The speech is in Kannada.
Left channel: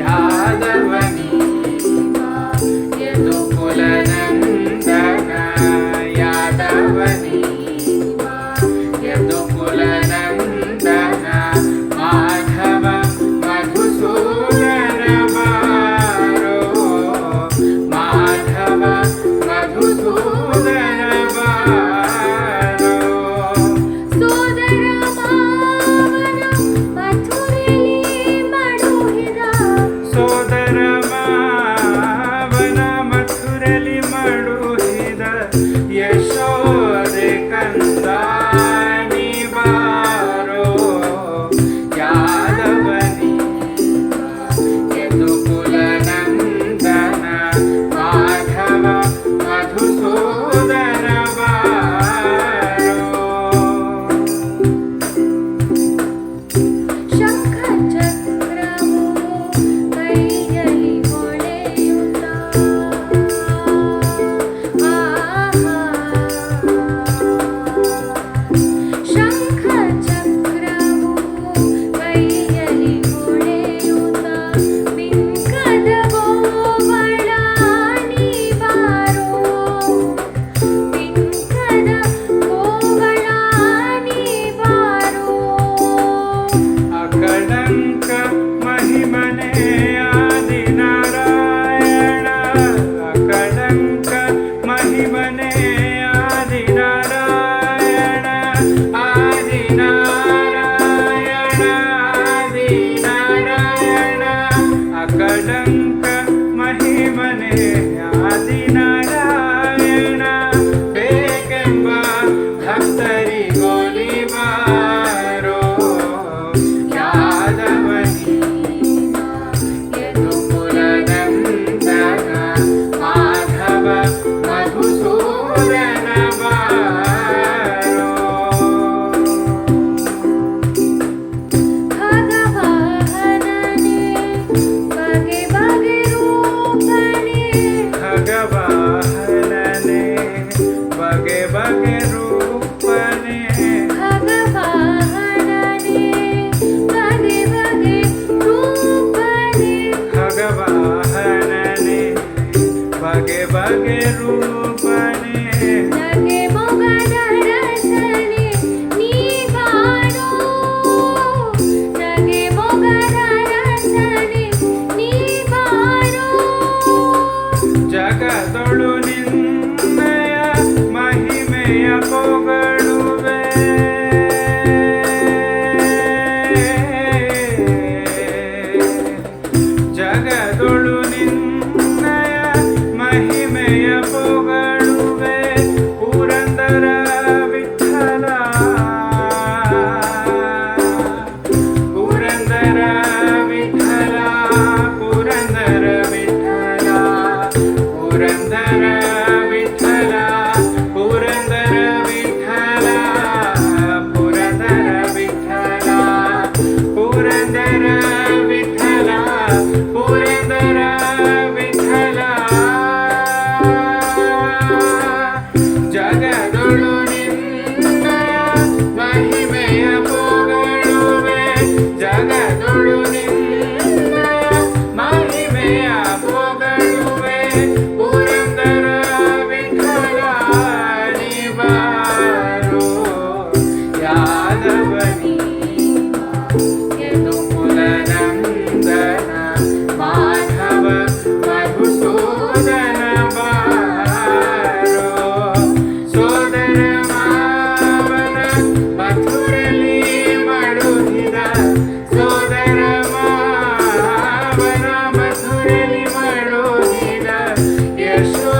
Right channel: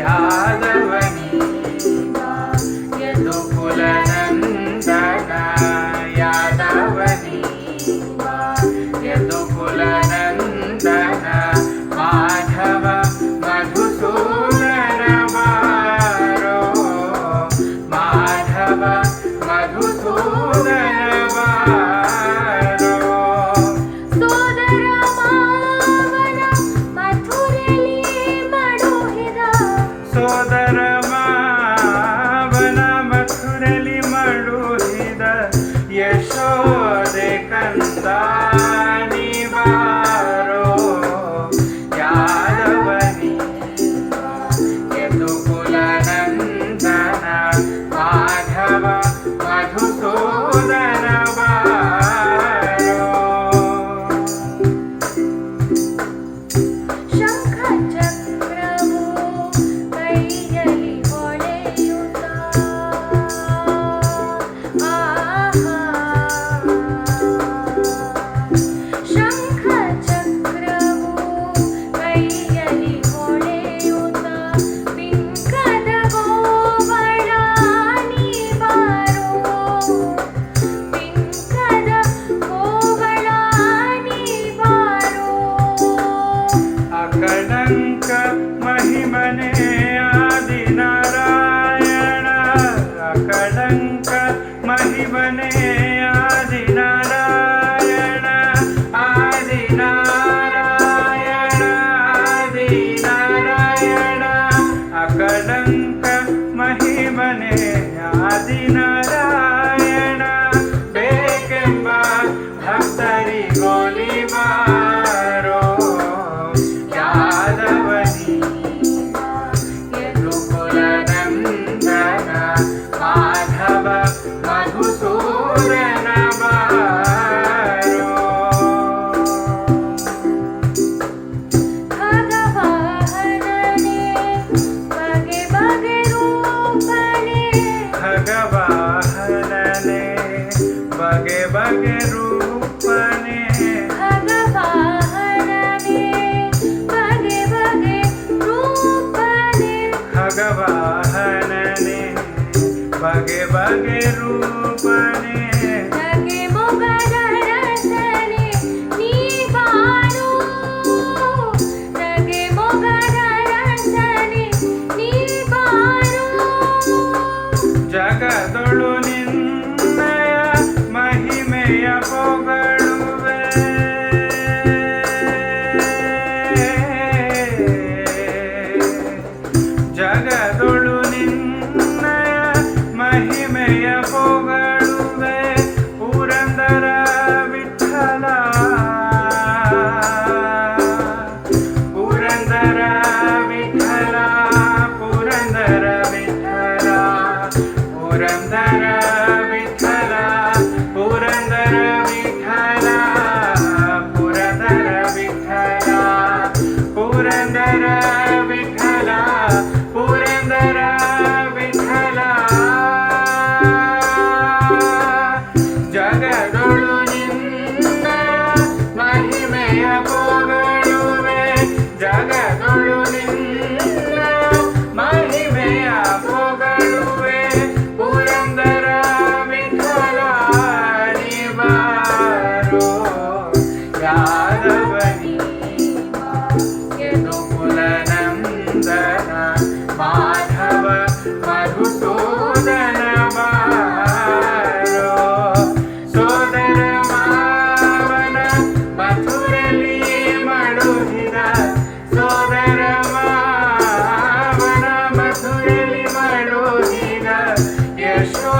ಯಾದವನಿ ಯದುಕುಲ ನಂದನ ಯಾದವನಿ ಯದುಕುಲ ನಂದನ ಮಾಧವ ಮಧುಸೂದನ ಬಾರೋ ಮಾಧವ ಮಧುಸೂದನ ಬಾರೋ ಸೋದರ ಮಾವನ ಮಥುರೆಲಿ ಮಡುಹಿದ ಸೋದರ ಮಾವನ ಮಥುರಲಿ ಮಡುಹಿದ ಯಶೋದೆ ಕಂದ ಬಾರೋ ಯಾದವನಿ ಯದುಕುಲ ನಂದನ ಮಾಧವ ಮಧುಸೂದನ ಬಾರೋ ಶಂಖ ಚಕ್ರವು ಕೈಯಲ್ಲಿ ಹೊಳೆಯುತ್ತ ಶಂಖ ಚಕ್ರವು ಕೈಯಲ್ಲಿ ಹೊಳೆಯುತ್ತ ಬಿಂಕದ ಗೋವಳಾನಿ ಬಾರೋ ಬಿಂಕದ ಗೋವಳಾನಿ ಬಾರೋ ಅಕಳಂಕ ಮಹಿಮನೆ ಆದಿನಾರಾಯಣ ಅಕಳಂಕ ಮಹಿಮನೆ ಆದಿನಾರಾಯಣ ಆದಿನಾರಾಯಣ ಆದಿನಾರಾಯಣ ಅಕಳಂಕ ಮಹಿಮನೆ ಆದಿನಾರಾಯಣ ಬೇಕೆಂಬ ಭಕ್ತರಿಗೋಲಿಬಾರೋ ಯಾದವನಿ ಯದುಕುಲ ನಂದನ ಮಾಧವ ಮಧುಸೂದನ ಬಾರೋ ಖಗವಾಹನನೇ ಬಗೆ ಬಗೆ ರೂಪನೇ ಖಗವಾಹನನೆ ಬಗೆ ಬಗೆ ರೂಪನೆ ಖಗವಾಹನನೇ ಬಗೆ ಬಗೆ ರೂಪನೇ ಖಗವಾಹನನೆ ಬಗೆ ಬಗೆ ರೂಪನೆ ನಗೆ ಮೊಗದ ರಸನೆ ನೀ ಬಾರೋ ನಗೆ ಮೊಗದ ರಸನೆ ನೀ ಬಾರೋ ಜಗದೊಳು ನಿನ್ನಯ ಮಹಿಮೆಯ ಪೊಗಳುವೆ ಜಗದೊಳು ನಿನ್ನಯ ಮಹಿಮೆಯ ಪೊಗಳುವೆ ಪುರಂದರ ವಿಠಲ ಪುರಂದರ ವಿಠಲ ಪುರಂದರ ವಿಠಲ ಪುರಂದರ ವಿಠಲ ಪುರಂದರ ವಿಠಲ ಪುರಂದರ ವಿಠಲ ಪುರಂದರ ವಿಠಲ ಪುರಂದರ ವಿಠಲ ಜಗದೊಳು ನಿನ್ನ ಮಹಿಮೆಯ ಪೊಗಳುವೆ ಜಗದೊಳು ನಿನ್ನ ಮಹಿಮೆಯ ಪೊಗಳುವೆ ಪುರಂದರ ವಿಠಲ ನೀ ಬಾರೋ ಯಾದವನಿ ಯದುಕುಲ ನಂದನ ಮಾಧವ ಮಧುಸೂದನ ಬಾರೋ ಸೋದರ ಮಾವನ ಮಥುರಲಿ ಮಡುಹಿದ ಸೋದರ ಮಾವನ ಮಥುರಲಿ ಮಡುಹಿದ ಯಶೋ